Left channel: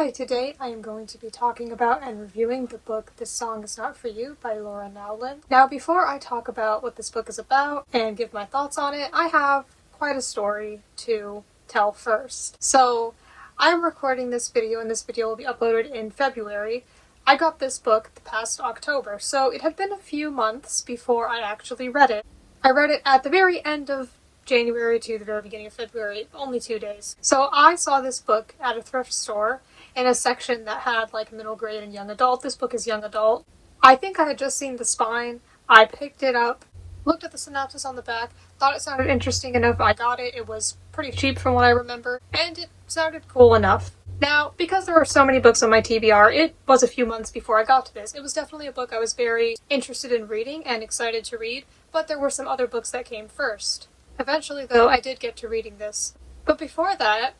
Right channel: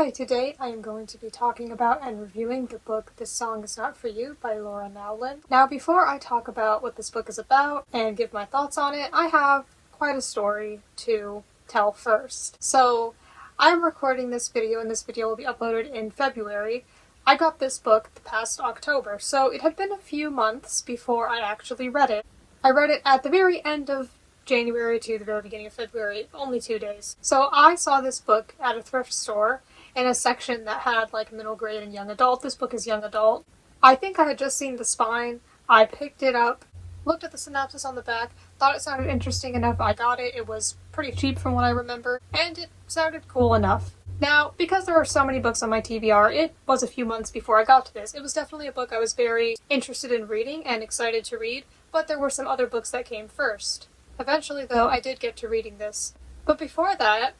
Hi, today I am going to be talking about and reviewing the book This Song Is Not For You by Laura Nowlin. Now, before I talk about what this book is about and give my thoughts on it, I have quite a story to tell first. So, I'm recording this video and this video will be uploaded in February. I got this book the past October, so it had been a few months before I actually read it. I read it at the very end of January to the very beginning of February, only 2 days. So I saw this book at a thrift store in a section that had like middle grade and young adult. This book is young adult. I think I had just seen the spine. I picked it up, looked at the synopsis on the back, thought it sounded interesting enough. I got it. It was pretty cheap from what I remember, and it sounded cool enough. Now, because there are so many books on my TBR, it was a few months before I got to this. It was definitely a book I was very interested in reading and excited to read, but there were some other books that came first. Eventually, though, I did get to reading this. But before that,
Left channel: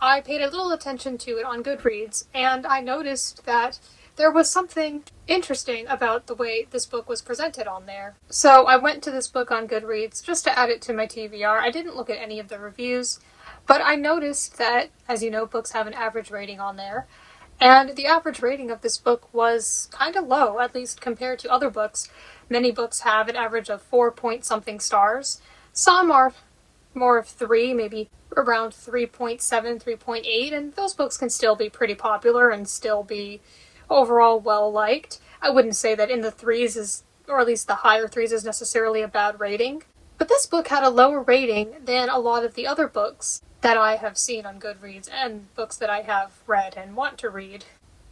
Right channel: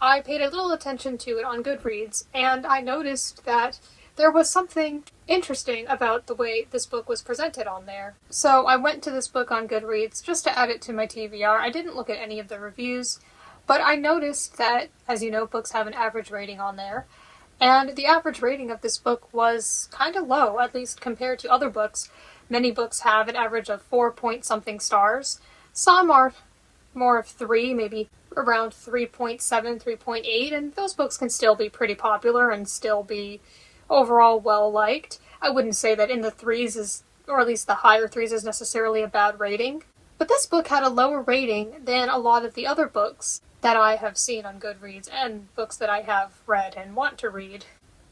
I paid a little attention to it on Goodreads, and I noticed that there was something interesting about the way this book was presented on there. So I went to this book on Goodreads just to add it to my TBR. I didn't look at any of the reviews, but I noticed that, as you know, books have an average rating on there, and the average rating of this book was kind of low, at least compared to other books. Many books have an average of 4-point-something stars. Some are more of 3, maybe around 3.7, 3.8, and those books can still be pretty popular and still be overall well-liked. I wouldn't say that in the 3s is, or at least the higher 3s is necessarily a bad rating. But this book had a lower rating than a lot of the other books that I have seen on Goodreads and books that I have read and want to read.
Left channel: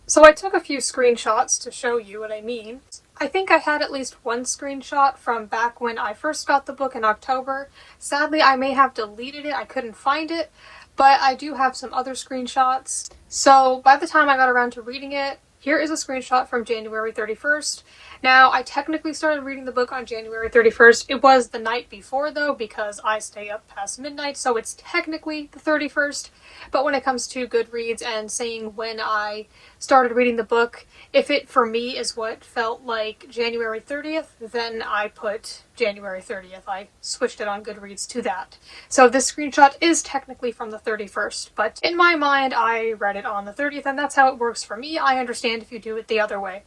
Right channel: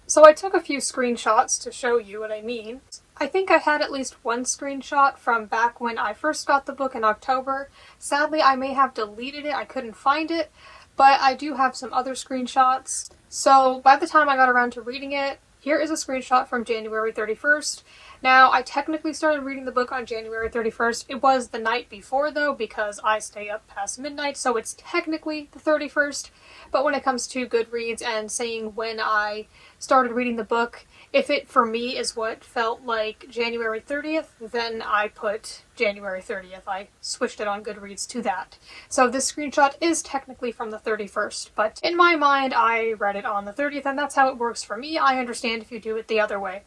So I took a few screenshots to show you what I mean. I think I had at least one screenshot from back when I first got the book in October. Sadly, I may have deleted it. I couldn't find it, but I do have some other screenshots. So by the time I got around to reading it, here is a screenshot from January 31st. Now, I technically started reading the book on January 31st. It was the night before, though, because I stay up past midnight, so it's technically the 31st. But when it comes to Goodreads and saying when I started reading the book, if it, for me, is what felt like January 30th, then I put January 30th. I switched it on Goodreads to that. So this screenshot is technically from the 31st, but in my mind, I read it on the 30th, and that's how it works for me. I understand if you do it the other way.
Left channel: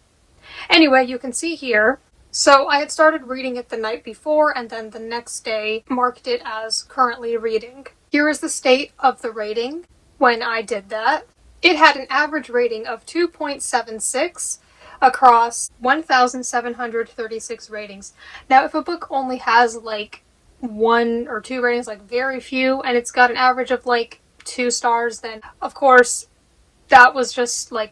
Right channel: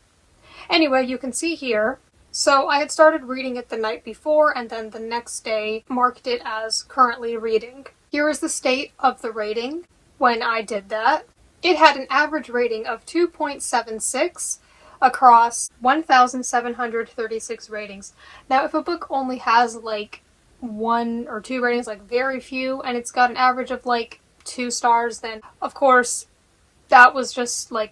Anyway, you can see here, so I had started reading it the night before, and then the next day marked it as currently reading. Here is the state of the rating when I did that. It had an average rating of 2.76 across 1,736 ratings. Now, if a book only has like 1 or 2 ratings, like very few, and it's got an average of like 2 stars, then of course that was just like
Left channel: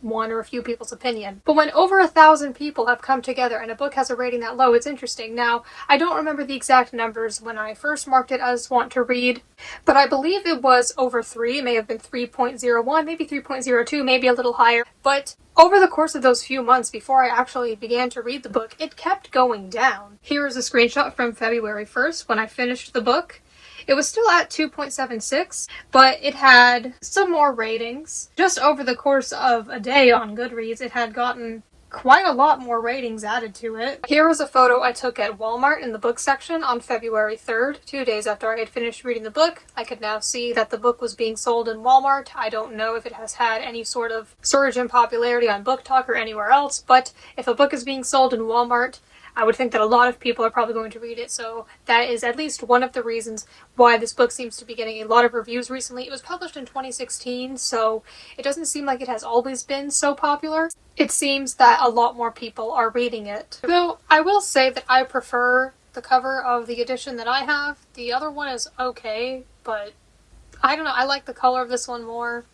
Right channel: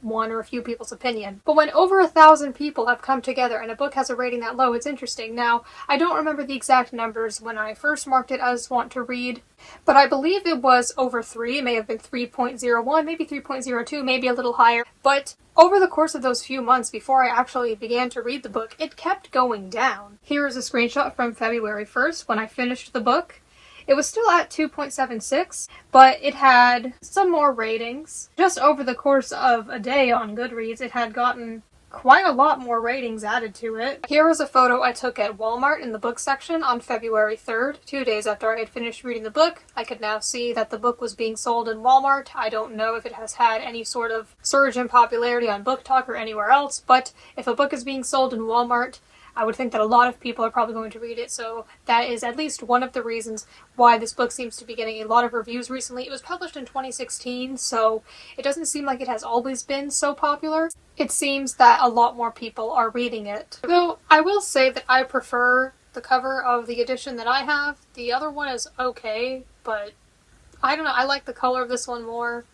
one or a few people's opinion. But when over 1,000 people have come together and a book has a rating that low, it's interesting. Now, I don't remember the exact numbers when I first marked it as want to read, but I believe it was over 3, it may have been 3.01, maybe 3.02, maybe a little higher. But over the course of those few months before I actually began to read the book, it kept going down. Here is a screenshot from February 1st when I finished the book. It was still at 2.76, but it had some more ratings. Just over the course of a day on Goodreads, it had gotten quite a lot more ratings added to it. Here is a photo I took at Walmart in the book section on February 3rd, 2 days after I had finished reading the book. I could now see that the book was being sold in Walmart. I don't know if it has had any sort of surge in popularity on Book Talk or anywhere else, but if a book is being sold in Walmart, I would think that a lot of people are probably going to read it, so that is at least one of the reasons why this book seems to be getting a lot of reviews recently. It was published in 2016, so it doesn't seem like it has always been so popular. It seems that a lot more people are reading it. Though I will say that I prefer the cover of the edition that I have. The other one is okay, but I don't know, I like the color of this one more.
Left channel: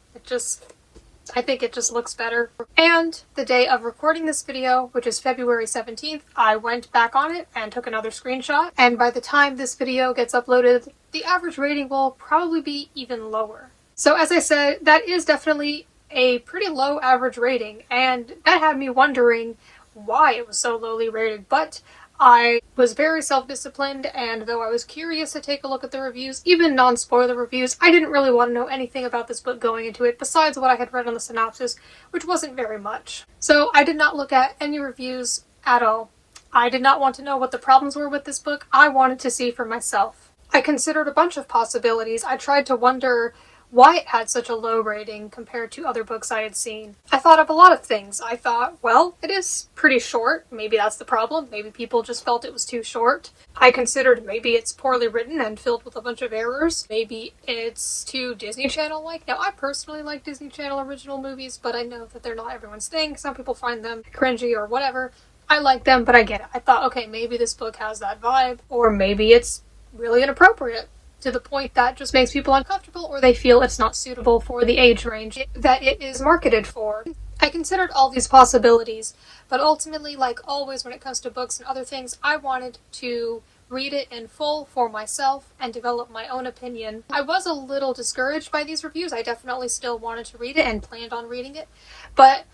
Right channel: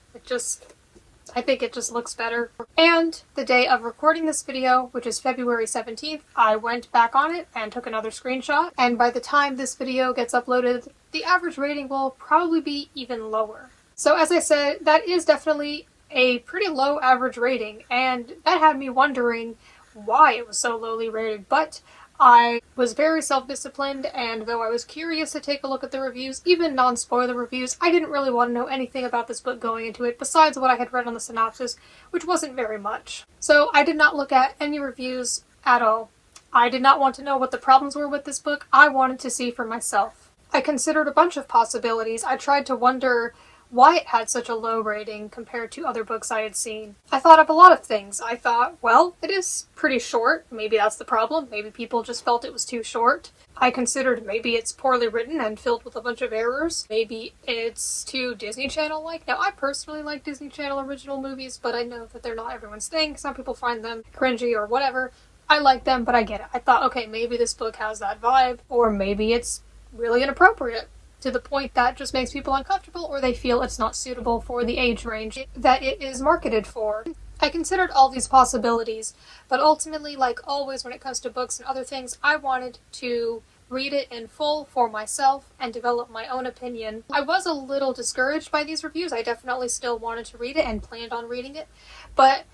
I think it just looks better. And the day of recording this video, which is February 17th, I went back on it and took another screenshot. And by the time this video gets uploaded, the average rating will probably be even lower. So as I said, that is definitely a pretty low average rating, and that had me wondering why it was so lowly rated. But I was very self-disciplined, and though I was curious to take a look at the reviews, even non-spoiler reviews, I didn't really want to know anything about this book going into it besides what I had read on the synopsis, which wasn't very much. So I did not look at any reviews at all. I did not want to know what the problems were with this book. I wanted to see for myself. I considered a bunch of possibilities. I tried to wonder why it had such a low rating compared to other books I had seen. I thought of a lot of things. I thought, well, it is pretty short. Maybe that's the problem. Maybe people just felt it was too short. I considered maybe it's poorly written and filled with a bunch of errors. Maybe it's too Disney Channel-like. Now, I personally like Disney Channel original movies, but I know that they're not everyone's thing. Some people find them cringy or whatever. I like them, but I get it. I thought, okay, maybe this book has that vibe, or maybe it's really inappropriate to the point that just makes people uncomfortable, or they feel it's not suitable for the age range that it is marketed for. I considered all these possibilities, but ultimately, like always when it comes to books and other things, I wanted to read it in full for myself and develop my own opinion. I was a little discouraged by these reviews. I definitely still wanted to read it and planned on reading it, but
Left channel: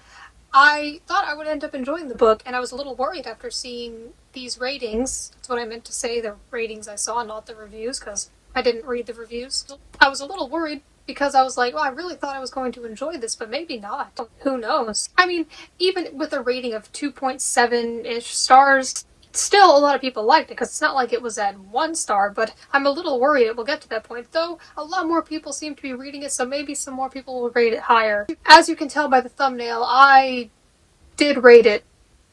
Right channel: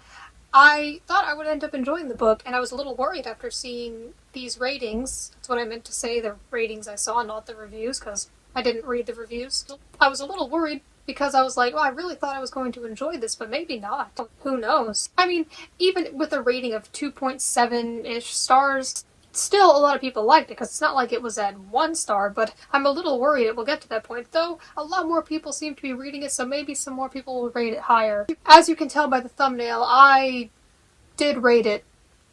I thought I would end up enjoying the book, and I was a little worried after seeing these ratings. That's what I meant to say, the ratings I saw, not the reviews, because I didn't read the reviews. I was a little worried because I was like, well, I really thought I was going to enjoy this, but maybe not. Who knows? I mean, even with a rating of 2.7-ish stars, still a lot of people liked it, because it's not like it was at 1 star, but I'm a little worried it will get to that point, though a lot more people seem to be reading it, so maybe some more people will rate it higher. As you can tell by the thumbnail, I did rate it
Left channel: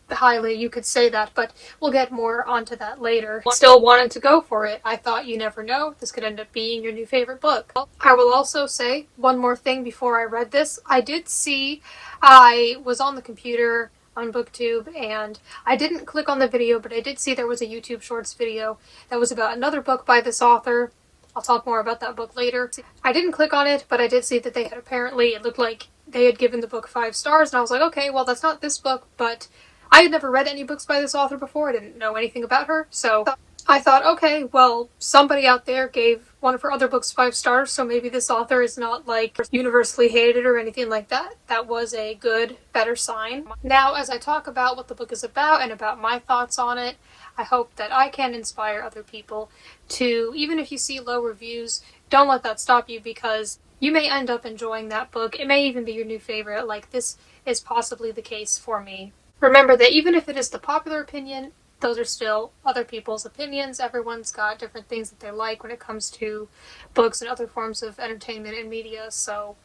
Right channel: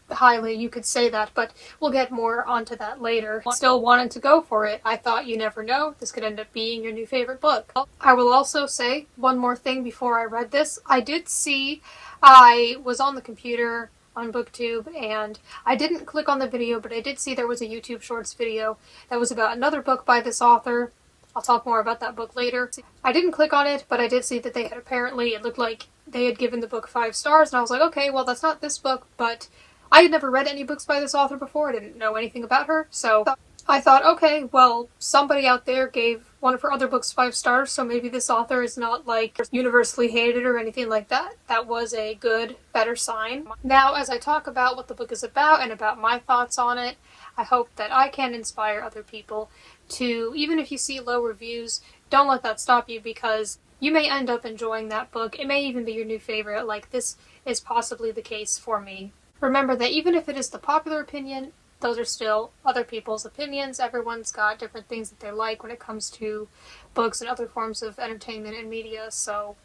highly, you could say that, but we'll get more onto that later. Still wanted to go for it. I thought, you never know, this could end up being your new favorite book. I will also say one more thing before I read this. I was on the computer on BookTube, and I didn't click on the video, but I did see there was a YouTube Shorts video that was about another book by this author. I'll talk more about that book later. I didn't click on it, but I did see that they had apparently, it looked like they had given the book 5 stars, and I was like, okay, well, that's not this book, but I had never read any books by this author before. I didn't know anything about her, so I thought, okay, well, somebody out there gave one of her other books 5 stars, so maybe this author is not, like, universally hated or anything like that. That was a good, better sign. Now, as I talk about what the book is about and about my thoughts on it, I hope that I can inspire other people to, even if you see low reviews, don't let that stop you, because you may end up enjoying that book. It may even be your new favorite, like this is possibly the case for me. Remember that even if it is the popular opinion, those are still other people's opinions. Everyone's got different things that they like when it comes to books and other forms of entertainment and media, so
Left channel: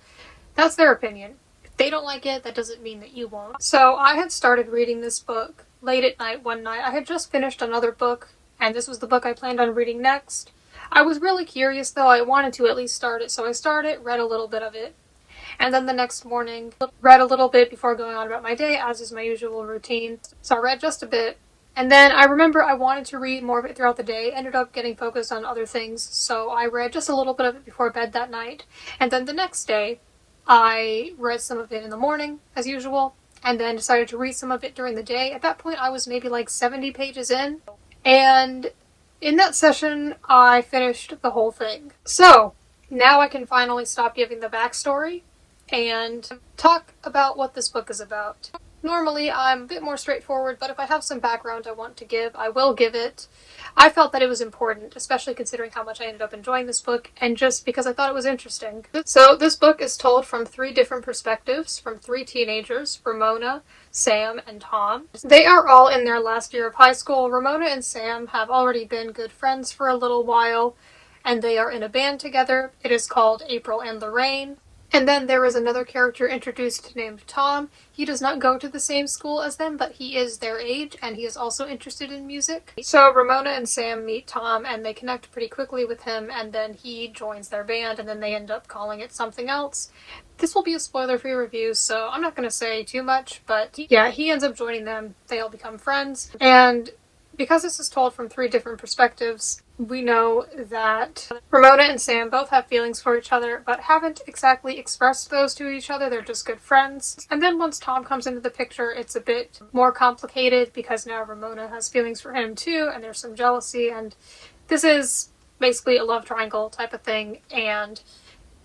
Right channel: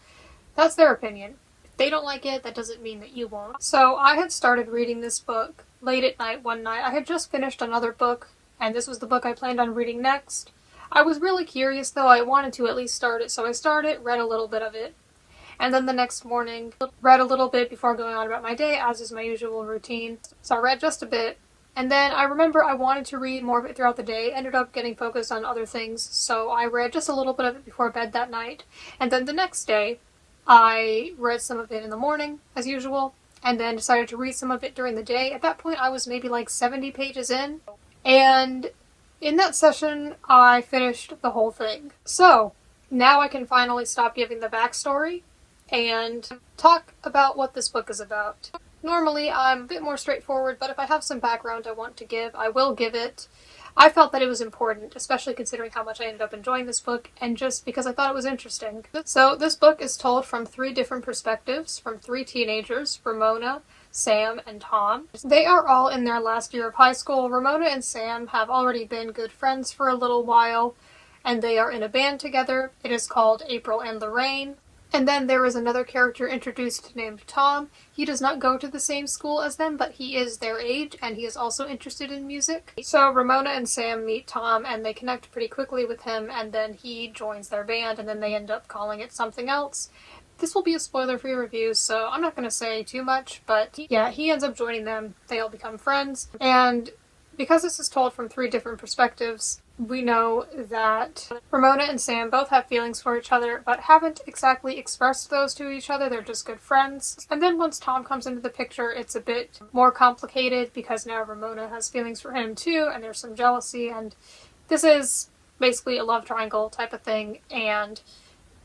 that's their opinion. If they don't like it, that doesn't mean that you won't. So I had started reading this book late at night one night. I had just finished another book, and this was the book I planned on reading next. I was really curious, though. I wanted to at least start it, so I started, read a little bit of it, and then the next morning, read a little bit before going on about my day, as is my usual routine. So I read just a bit, and then I remember I wanted to read more of it throughout the day, ended up getting focused on other things, so I read just a little bit of it before bed that night. And then the next day, I read some of it in the morning, as usual, and then decided to read some of it during the day. At that point, I was maybe like 70 pages in, and in that session, I finished the whole thing. So, now I can finally stop giving the backstory and talk about what this book is about. Normally, I'm a bit more straightforward, but if I have some background I want to give, I will give it. I felt that it was important, especially considering how much I ended up enjoying this book, and just because I thought it was interesting. So, this book is told from 3 different perspectives, from 3 teenagers, Ramona, Sam, and Tom. They are all in their last year of high school. Ramona and Sam have already been good friends for a little while, and they are in a band together. It is called April and the Rain. And then there is another character introduced named Tom. He does not go to the same school as them, but he is their age, and he is also interested in music. So Ramona and Sam meet Tom, and they connect pretty quickly with him, and then he joins their band, and then they end up calling it something else. This will be a spoiler-free review, so I'm not going to say too much, but yeah, he ends up joining them. They all become friends, and because this is told from 3 different perspectives, we know that Ramona and Sam both have feelings for each other, but haven't exactly expressed those to each other. They're just good friends. And then once Tom comes into the picture, it's a bit more complicated, because now Ramona has feelings for him too, and there's some jealousy, and this is basically a love triangle type of thing, and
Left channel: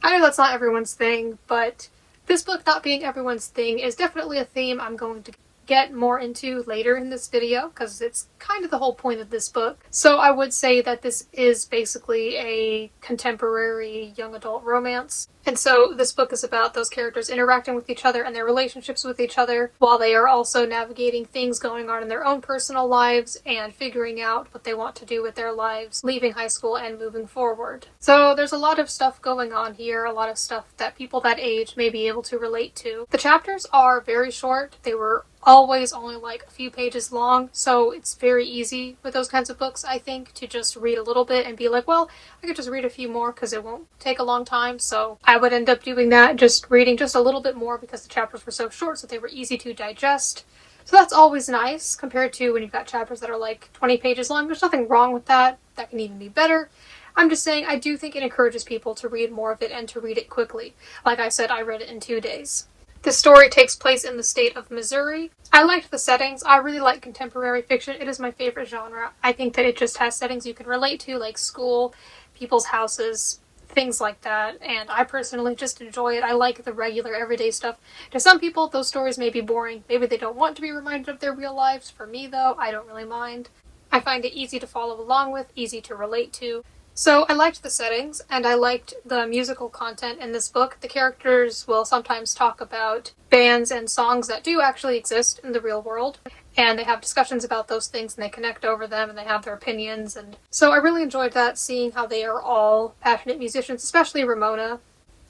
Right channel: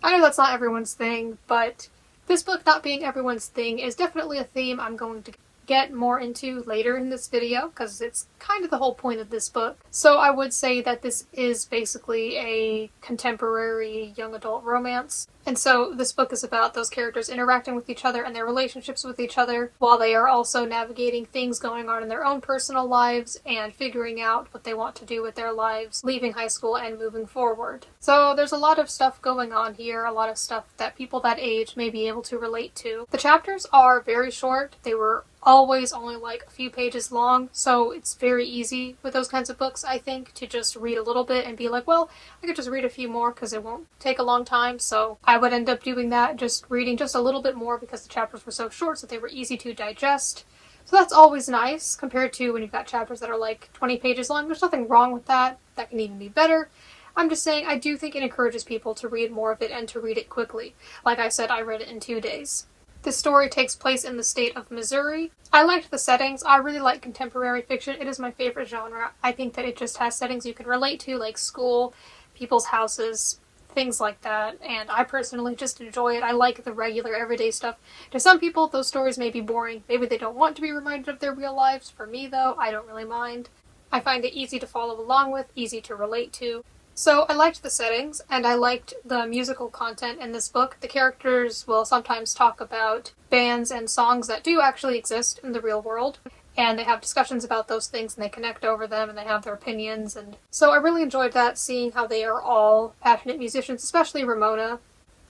I know that's not everyone's thing, but this book not being everyone's thing is definitely a theme I'm going to get more into later in this video because it's kind of the whole point of this book. So I would say that this is basically a contemporary young adult romance. And so this book is about those characters interacting with each other and their relationships with each other while they are also navigating things going on in their own personal lives and figuring out what they want to do with their lives, leaving high school and moving forward. So there's a lot of stuff going on here, a lot of stuff that people that age may be able to relate to. The chapters are very short. They were always only like a few pages long, so it's very easy with those kinds of books, I think, to just read a little bit and be like, well, I could just read a few more because it won't take a long time. So I would end up doing that, just reading just a little bit more because the chapters were so short, so they were easy to digest. So that's always nice compared to when you've got chapters that are like 20 pages long. There's nothing wrong with that. That can even be better. I'm just saying I do think it encourages people to read more of it and to read it quickly. Like I said, I read it in 2 days. The story takes place in the state of Missouri. I liked the settings. I really like contemporary fiction. It is my favorite genre. I think that it just has settings you can relate to, like school, people's houses, things like that, and I personally just enjoy it. I like the regular everyday stuff. To some people, those stories may be boring. Maybe they don't want to be reminded of their real lives. For me, though, I don't really mind. I find it easy to follow along with, easy to relate to. So I liked the settings, and I liked the musical content in this book. The characters will sometimes talk about bands and songs that do actually exist in the real world, and they have discussions about those things, and they connect over them, and they have their opinions, and so I really enjoyed that, seeing how they are all passionate musicians, especially Ramona.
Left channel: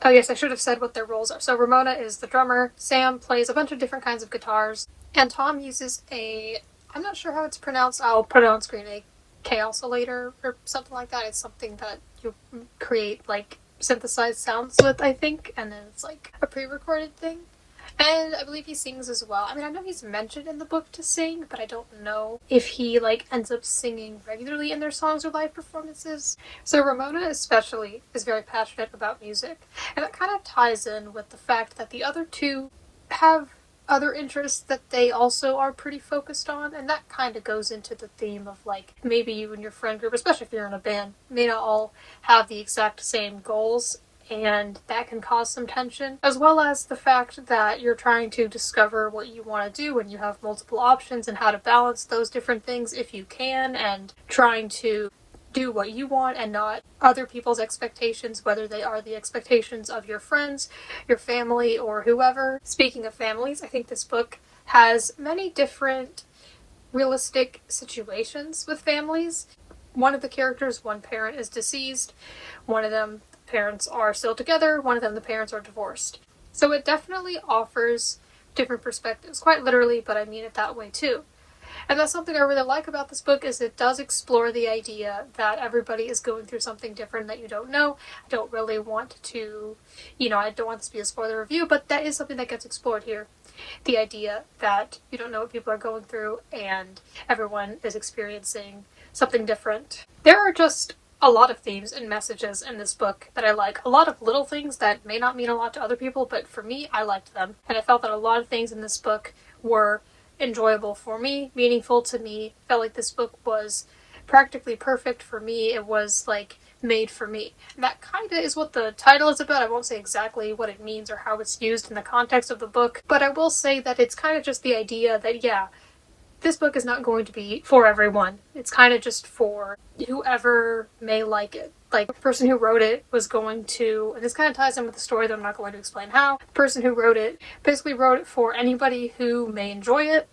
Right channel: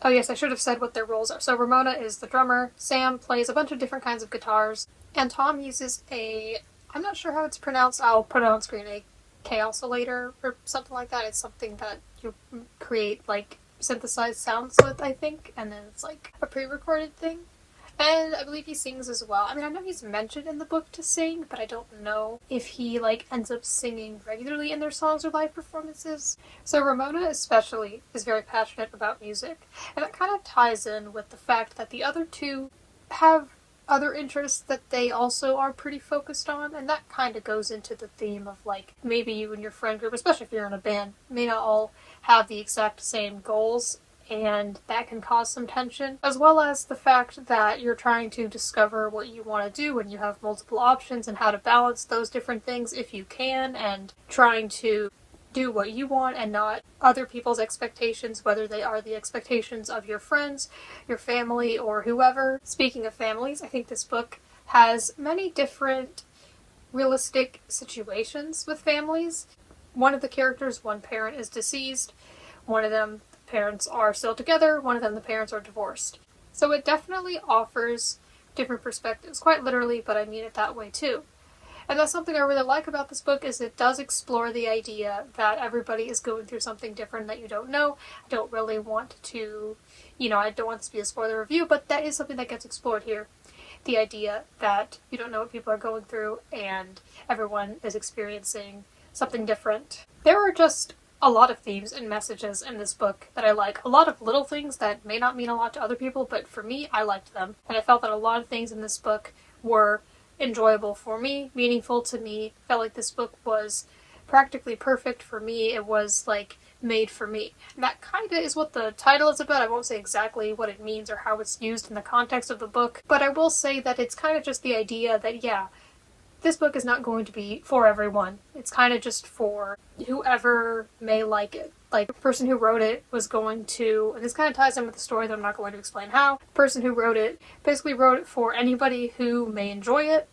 Oh yes, I should have said what their roles are. So Ramona is the drummer, Sam plays a bunch of different kinds of guitars, and Tom uses I'm not sure how it's pronounced, I'll put it on screen, a chaosilator or something like that. It's something that you create like synthesized sounds with, I think, and then it's like a pre-recorded thing. And I believe he sings as well. I mean, I know he's mentioned in the book to sing, but I don't know if he like ends up singing regularly in their songs or live performances. So Ramona especially is very passionate about music, and that kind of ties in with the fact that the other two have other interests that they also are pretty focused on, and that kind of goes into the theme of like maybe you and your friend group, especially if you're in a band, may not all have the exact same goals, and that can cause some tension, as well as the fact that you're trying to discover what you want to do when you have multiple options and how to balance those different things if you can, and trying to do what you want and not other people's expectations, whether they are the expectations of your friends, your family, or whoever. Speaking of families, I think this book has many different realistic situations with families. One of the characters, one parent is deceased, one of them the parents are still together, one of them the parents are divorced. So it definitely offers different perspectives, quite literally, but I mean it that way too. And that's something I really like about this book, is it does explore the idea that everybody is going through something different that you don't know. I don't really want to, I don't want this to be a spoiler review, but that is something that gets explored here. The idea that you don't know what people are going through and everyone is experiencing something different. There are just a lot of themes and messages in this book that I like. A lot of little things that may not mean a lot to other people, but for me, I liked them. And I felt that a lot of things in this book were enjoyable for me, meaningful to me. I felt like this book was practically perfect for me. It was like made for me. And that kind of is what the title is about. I won't say exactly what it means or how it's used in the context of the book, but I will say that it's kind of just the idea that, yeah, this book is not going to be for everyone. It's kind of just for whoever may like it. Like, the person who wrote it was going to, and this kind of ties in with the story that I'm not going to explain how, the person who wrote it basically wrote it for anybody who may enjoy it,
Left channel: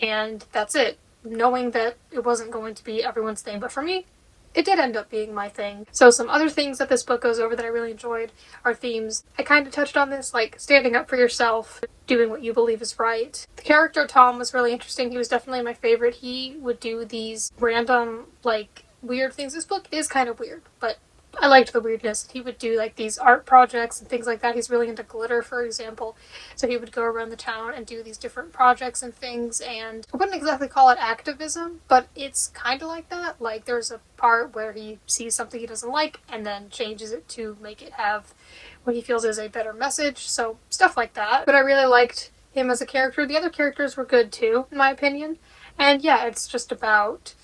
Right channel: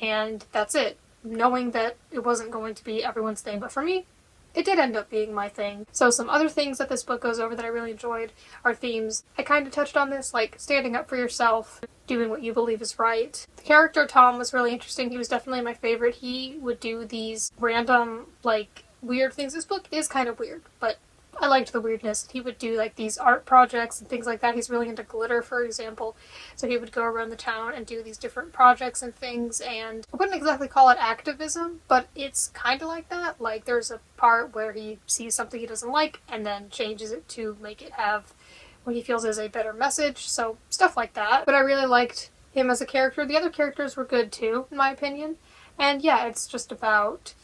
and that's it. Knowing that it wasn't going to be everyone's thing, but for me, it did end up being my thing. So some other things that this book goes over that I really enjoyed are themes. I kind of touched on this, like standing up for yourself, doing what you believe is right. The character Tom was really interesting. He was definitely my favorite. He would do these random, like, weird things. This book is kind of weird, but I liked the weirdness. He would do like these art projects and things like that. He's really into glitter, for example. So he would go around the town and do these different projects and things, and I wouldn't exactly call it activism, but it's kind of like that. Like, there's a part where he sees something he doesn't like and then changes it to make it have what he feels is a better message. So stuff like that. But I really liked him as a character. The other characters were good too, in my opinion. And yeah, it's just about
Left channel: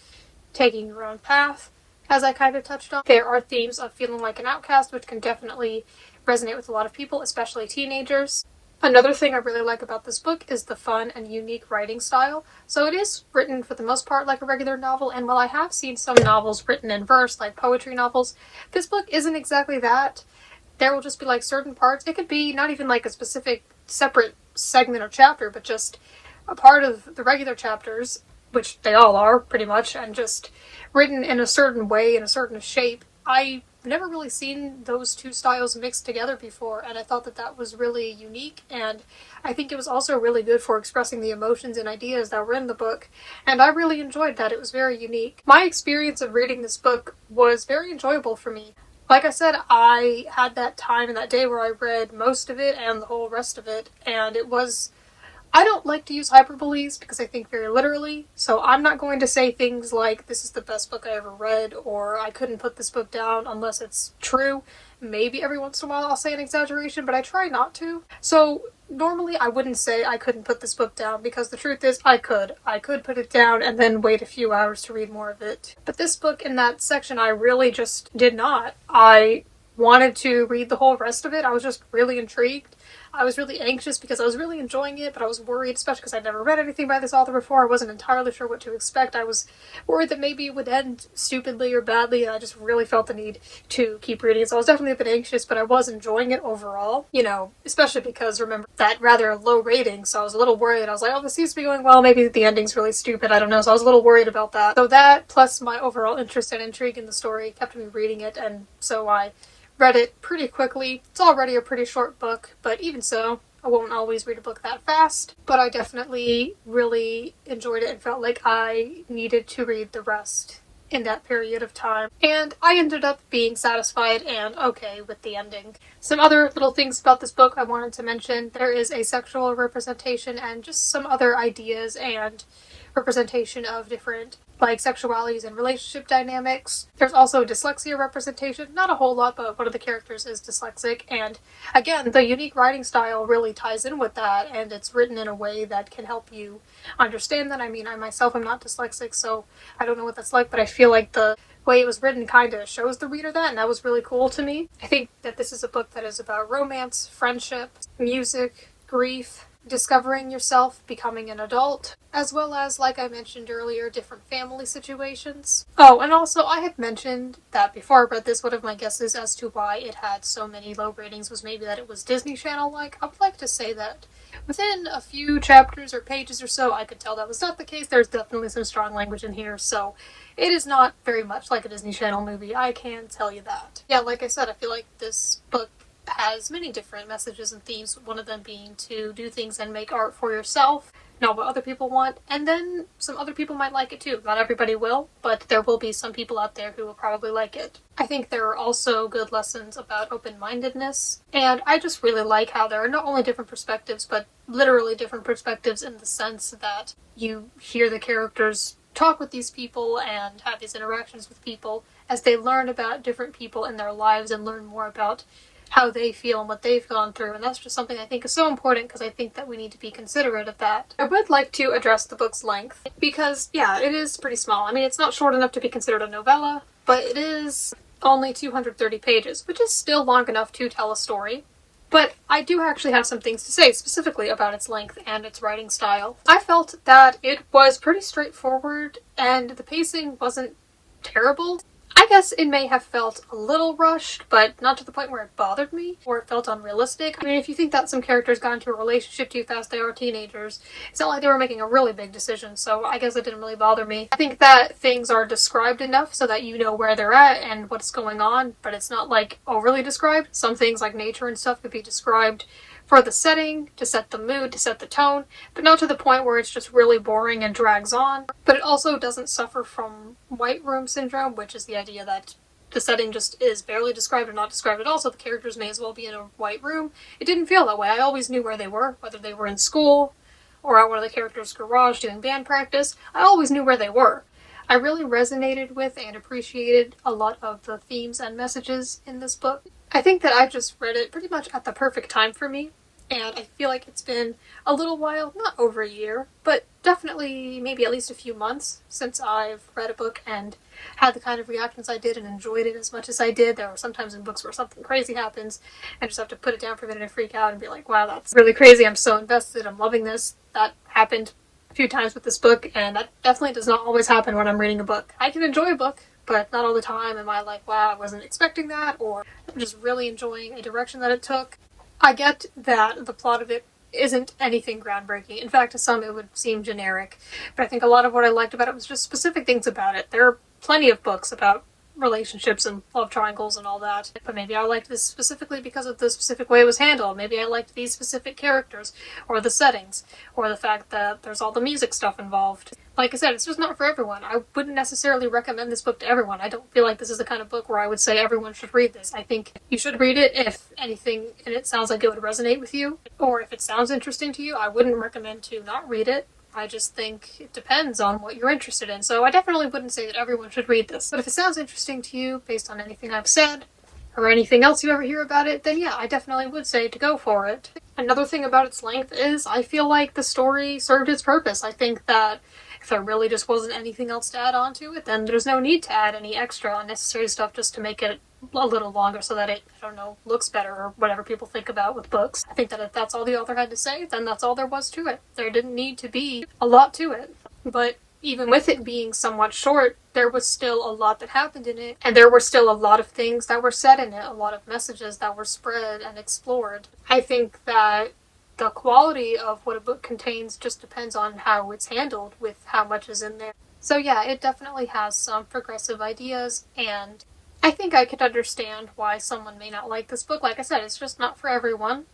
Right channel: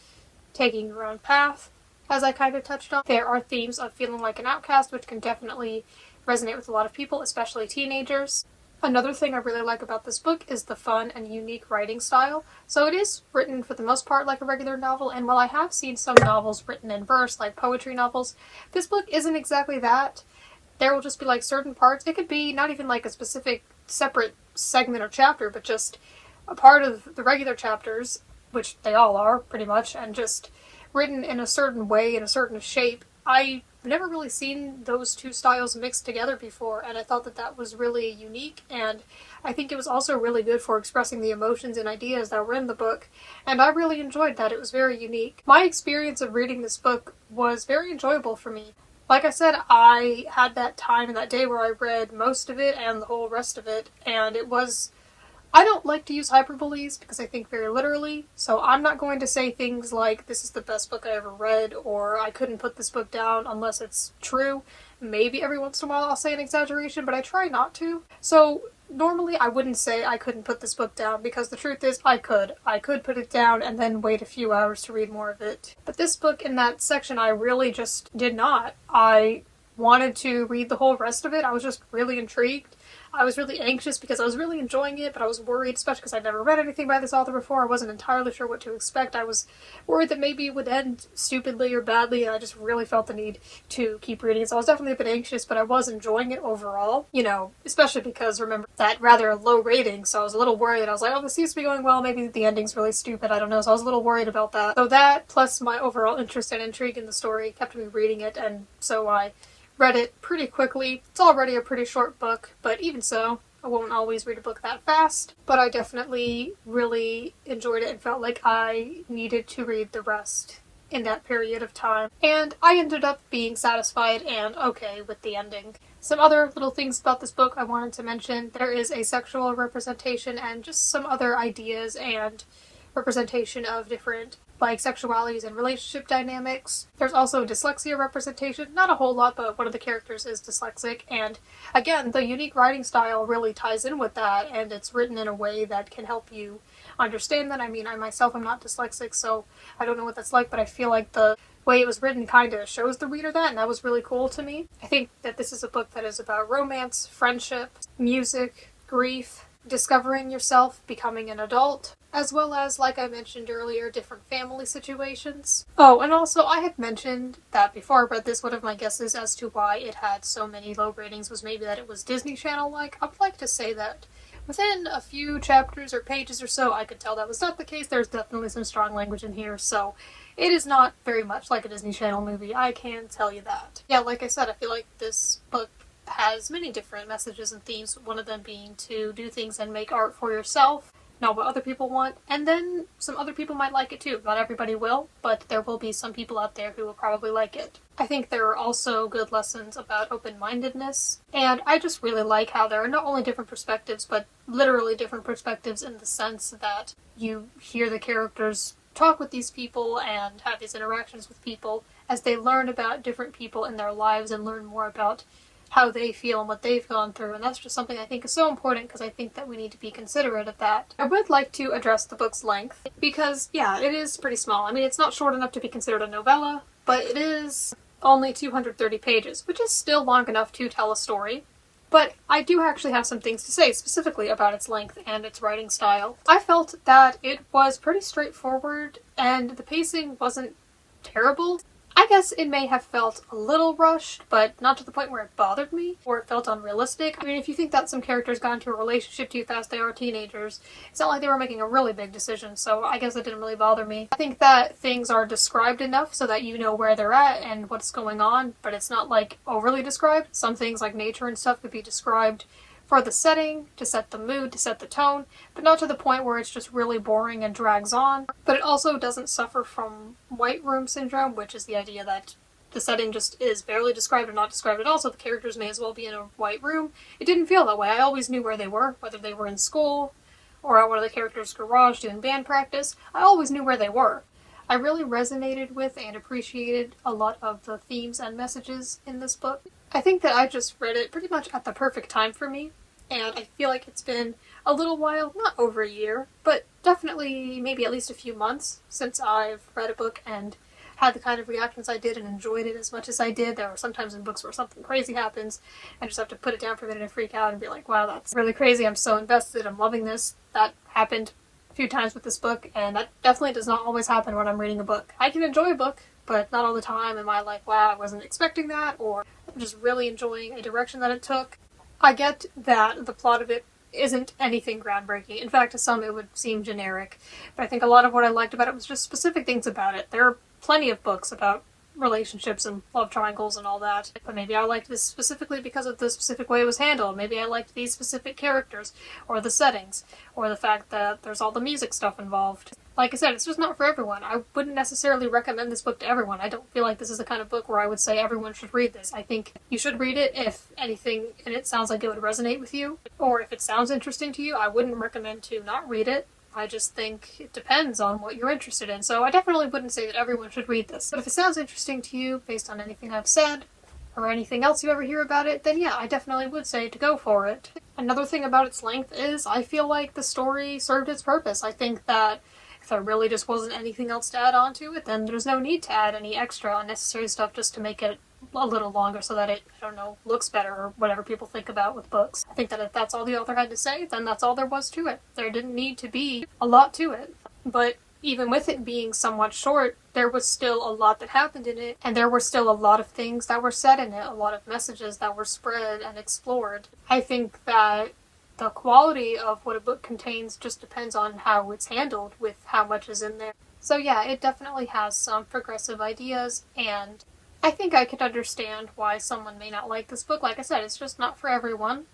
taking your own path, as I kind of touched on. There are themes of feeling like an outcast, which can definitely resonate with a lot of people, especially teenagers. Another thing I really like about this book is the fun and unique writing style. So it is written for the most part like a regular novel, and while I have seen some novels written in verse, like poetry novels, this book isn't exactly that. There will just be like certain parts. It could be not even like a specific separate segment or chapter, but just a part of the regular chapters, which they all are pretty much, and just written in a certain way, in a certain shape. I never really seen those two styles mixed together before, and I thought that that was really unique, and I think it was also really good for expressing the emotions and ideas that were in the book, and I really enjoyed that. It was very unique. My experience of reading this book was very enjoyable for me. Like I said, I had that time and that day where I read most of it and the whole rest of it, and it was... I don't like to use hyperboles because I think very literally, so I'm not going to say things like, this is the best book I ever read, or I couldn't put this book down unless it's true. Maybe every once in a while I'll say an exaggeration, but I try not to. So normally I wouldn't say I couldn't put this book down, because the truth is I could. I could put it down and then wait a few hours to read more of it. But this book, in that section, I really just did not. I wanted to read the whole rest of it. I was just really intrigued. I was really anxious because I was really enjoying it, but I was worried, especially because I'd never read anything by this author before. I wasn't entirely sure what to expect. I was worried that maybe it would end stupidly or badly, and I just really felt the need to keep reading it. So I was definitely a bit anxious, but I was enjoying it overall. You know, especially because, remember, that rather low rating, so I was a little worried. I was like, oh, this seems to be going well. Maybe the ending's really stupid. I don't know. So I was a little worried about that. So that, plus my overall interest and intrigue in the story, kept me reading it, and so I read it pretty quickly. It's already a pretty short book, but even so, I won't always read a book that fast. But I definitely really enjoyed it and felt like I needed to read the rest in that period of time. And I ended up being satisfied and okay with the ending. Some other little things about this book I wanted to mention. There is a sexual representation and just some other ideas and representation of different like sexualities and relationship dynamics. There's also dyslexia representation, not a whole lot, but one of the characters is dyslexic, and again, the unique writing style really ties in with that, and it's written in a way that can help you understand that. I mean, I myself am not dyslexic, so I don't know what that's like, but I feel like the way it was written kind of shows the reader that, and that was really cool to me. I think that this is a book that is about romance, friendship, music, grief, discovering yourself, becoming an adult, as well as, like I mentioned earlier, different family situations. Oh, and also I had mentioned that before I read this, one of my guesses as to why it had so many low ratings was maybe that it was Disney Channel-like. I would like to say that within a few chapters or pages or so, I could tell that was not the case. There's definitely some strong language in here, so it is not very much like a Disney Channel movie, I can tell you that. Yeah, like I said, I feel like this book has many different messages and themes, one of them being to do things and make art for yourself, not what other people want, and then some other people might like it too. Not everybody will, but there will be some people out there who will probably like it. I think there are also good lessons about open-mindedness, and I just really like how there are not only different perspectives, but literally different perspectives in the sense that you hear the characters talk with these people and have these interactions with people as they learn about different people in their lives and learn more about how they feel and what they've gone through, and that's just something I think is so important because I think that we need to be considerate of that. I would like to address the book's length because, yeah, it is pretty small. I mean, it's not short enough to be considered a novella, but it is only 230 pages, which is still long enough to tell a story. But I do actually have some things to say specifically about its length and its writing style. I felt that it was pretty straightforward and the pacing wasn't terrible. I guess it may have felt a little rushed, but not to the point where it bothered me, or it felt unrealistic. I mean, if you think that some characters got into a relationship too fast, they are teenagers. It's not like they were making a really big decision, so I guess it didn't really bother me. I think that things are described enough so that you know where they're at and what's going on, but it's not like overly described. Some things like nature and stuff could be described for the setting, to set the mood, to set the tone, but not to the point where it's just really boring and drags on. But it also doesn't suffer from white room syndrome, which is the idea that the setting just is barely described or not described at all, so the characters may as well be in a white room. It didn't feel that way. I always knew where they were, whether they were in school or at one of the characters' garage doing band practice. I always knew where they were. I really resonated with and appreciated a lot of the themes and messages in this book. I think that I just read it pretty much at the perfect time for me. and I feel like it's been a little while, not over a year, but definitely maybe at least a few months since I've read a book and had the kind of reactions I did and enjoyed it as much as I did. There are sometimes in books where something crazy happens and just have to put it down for a minute and freak out and be like, wow, that's really crazy, I'm so invested, I'm loving this. That happened a few times with this book, and that definitely does not always happen when I'm reading a book. I can enjoy a book, but not all the time am I like, wow, I wasn't expecting that, or I'm just really enjoying a direction that it took. I get that the plot of it isn't anything groundbreaking. In fact, to some it would seem generic, but I think a lot of what I liked about it was just specific things about it. There are plenty of books about relationships and love triangles and all that, but maybe I liked this specifically because of the specific way it was handled. Maybe I liked these specific characters, or the settings, or the fact that there's all the music stuff involved. Like I said, it's just not for everyone. I wouldn't necessarily recommend this book to everyone. I don't feel like this is the kind of book where I would say everyone should read this. I think you should read it if anything in it sounds like it would resonate with you, or if it sounds interesting to you. I wouldn't recommend to not read it. I just think it depends on what you're interested in, so I definitely wouldn't say that everyone should read this. But if it sounds interesting to you, based on anything I've said, or anything else you ever hear about it, then yeah, I definitely would say to go for it. Another thing about its length is I feel like the story served its purpose. I think that if there really just wasn't anything else to add on to it, then there's no need to add any extra unnecessary stuff just to make it a little longer so that it, I don't know, looks better or whatever people think about with books. I think that if that's all the author had to say, then that's all there was to it. There didn't need to be a lot to it. But even with it being somewhat short, there was still a lot that happened in it, and there were still a lot of things that were said in it, a lot of messages that were spread and explored. I think that the quality of what a book contains just depends on how it's handled with how much is in there. So yeah, it definitely has some progressive ideas, and I think I could understand why someone may not like this book. Like I said, it's just not for everyone,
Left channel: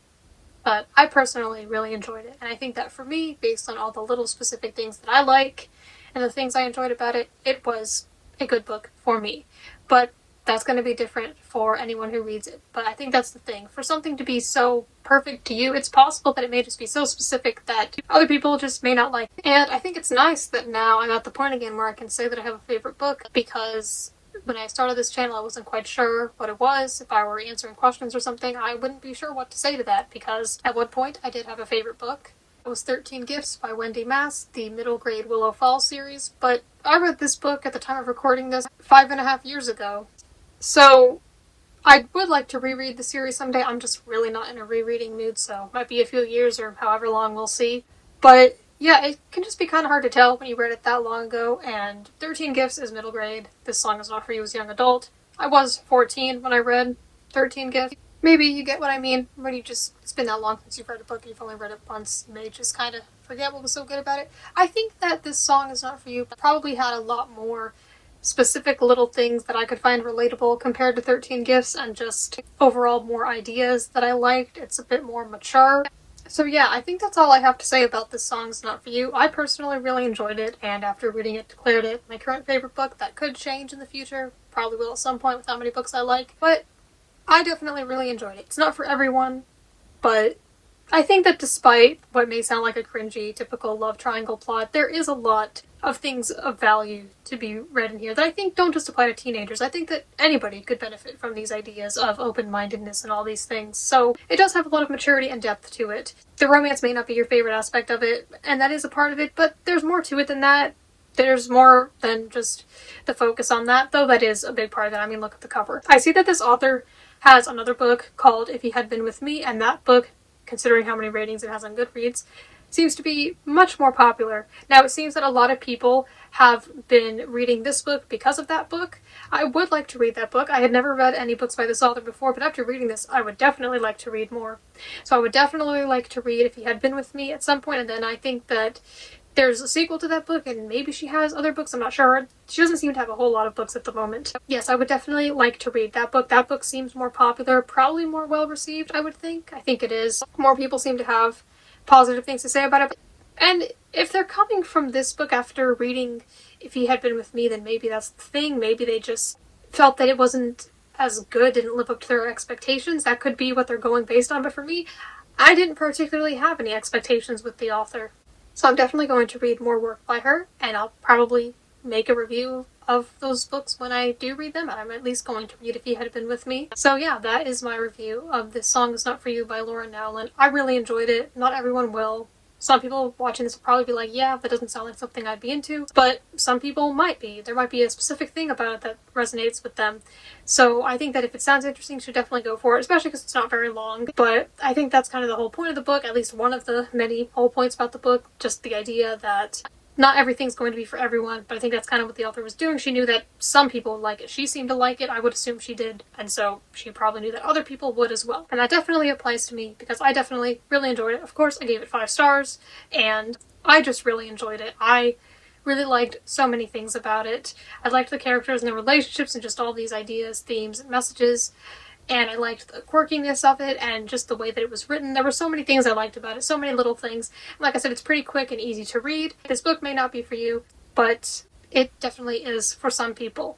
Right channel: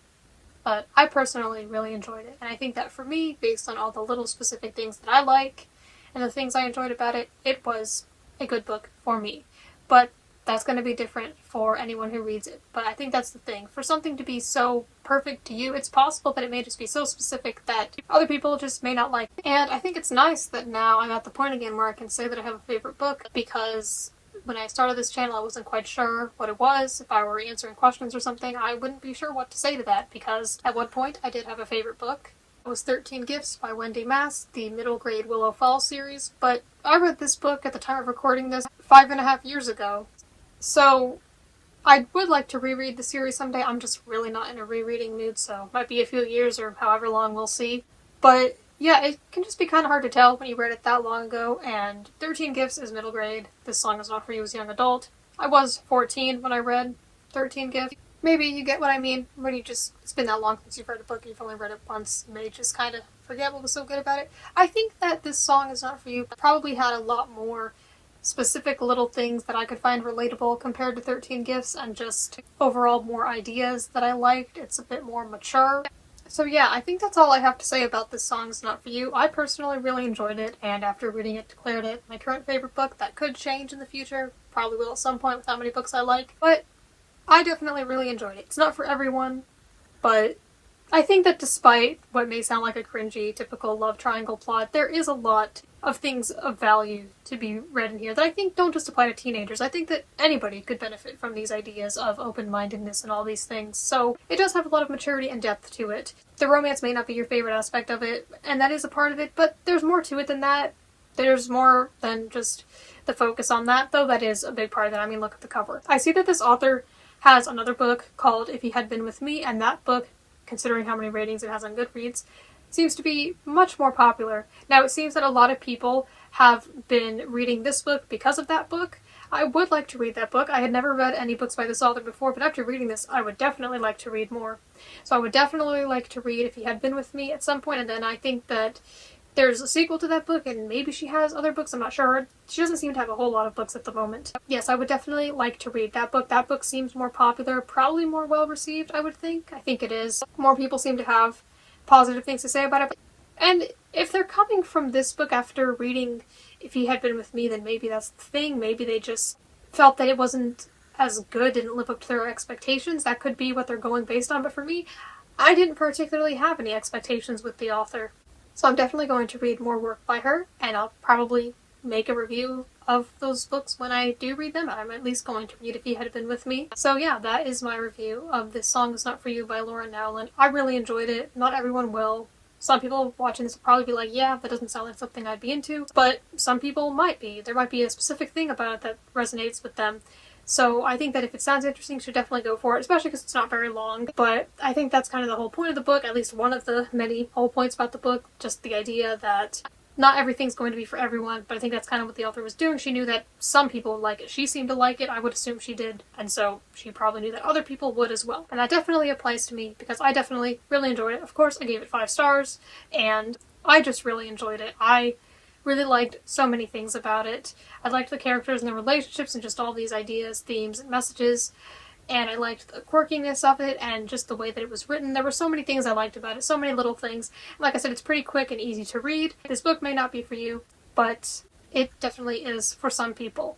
but I personally really enjoyed it. And I think that for me, based on all the little specific things that I like and the things I enjoyed about it, it was a good book for me. But that's going to be different for anyone who reads it. But I think that's the thing. For something to be so perfect to you, it's possible that it may just be so specific that other people just may not like it. And I think it's nice that now I'm at the point again where I can say that I have a favorite book, because when I started this channel I wasn't quite sure what it was. If I were answering questions or something, I wouldn't be sure what to say to that, because at one point I did have a favorite book. It was 13 Gifts by Wendy Mass, the middle grade Willow Falls series, but I read this book at the time of recording this 5.5 years ago. So I would like to reread the series someday. I'm just really not in a rereading mood, so it might be a few years or however long, we'll see. But yeah, it can just be kind of hard to tell when you read it that long ago, and 13 Gifts is middle grade. This Song Is Not For You as a young adult. I was 14 when I read 13 Gifts. Maybe you get what I mean. When it's been that long since you've read a book, you've only read it once, you may just kind of forget what was so good about it. I think that This Song Is Not For You probably had a lot more specific little things that I could find relatable compared to 13 Gifts, and just overall more ideas that I liked. It's a bit more mature. So yeah, I think that's all I have to say about This Song's Not For You. I personally really enjoyed it, and after reading it, declared it my current favorite book. That could change in the future. Probably will at some point with how many books I like. But I definitely really enjoyed it. It's not for everyone, but I think that despite what may sound like a cringy, typical love triangle plot, there is a lot of things of value to be read in here that I think don't just apply to teenagers. I think that anybody could benefit from these ideas of open-mindedness and all these things. So it does have a lot of maturity and depth to it. The romance may not be your favorite aspect of it, and that is a part of it, but there's more to it than that. There's more than just the focus on that, though that is a big part of it. I mean, look at the cover. I see that this author has another book called If He Had Been With Me, and that book, considering how many ratings it has on Goodreads, seems to be much more popular. Now, it seems that a lot of people have been reading this book because of that book. I would like to read that book. I had never read any books by this author before, but after reading this, I would definitely like to read more. So I would definitely like to read If He Had Been With Me at some point, and then I think that there's a sequel to that book, and maybe she has other books, I'm not sure. She doesn't seem to have a whole lot of books at the moment. Yes, I would definitely like to read that book. That book seems more popular, probably more well-received, I would think. I think it is. More people seem to have positive things to say about it. And if they're coming from this book after reading If He Had Been With Me, then maybe that's the thing. Maybe they just felt that it wasn't as good, didn't live up to their expectations. That could be what they're going based on, but for me, I didn't particularly have any expectations with the author. So I'm definitely going to read more work by her, and I'll probably make a review of those books when I do read them. I'm at least going to read if you had been with me. So yeah, that is my review of This Song Is Not For You by Laura Nowlin. I really enjoyed it. Not everyone will. Some people watching this will probably be like, yeah, that doesn't sound like something I'd be into, but some people might be. There might be a specific thing about it that resonates with them. So I think that if it sounds interesting, you should definitely go for it, especially because it's not very long. But I think that's kind of the whole point of the book, at least one of the many whole points about the book, just the idea that not everything's going to be for everyone, but I think that's kind of what the author was doing. She knew that some people would like it. She seemed to like it. I would assume she did. And so she probably knew that other people would as well. And that definitely applies to me because I definitely really enjoyed it. Of course, I gave it 5 stars and I just really enjoyed it. I really liked so many things about it. I liked the characters and the relationships and just all these ideas, themes, and messages. And I liked the quirkiness of it and just the way that it was written. There were so many things I liked about it, so many little things. Like I said, it's pretty quick and easy to read. This book may not be for you, but it definitely is for some people.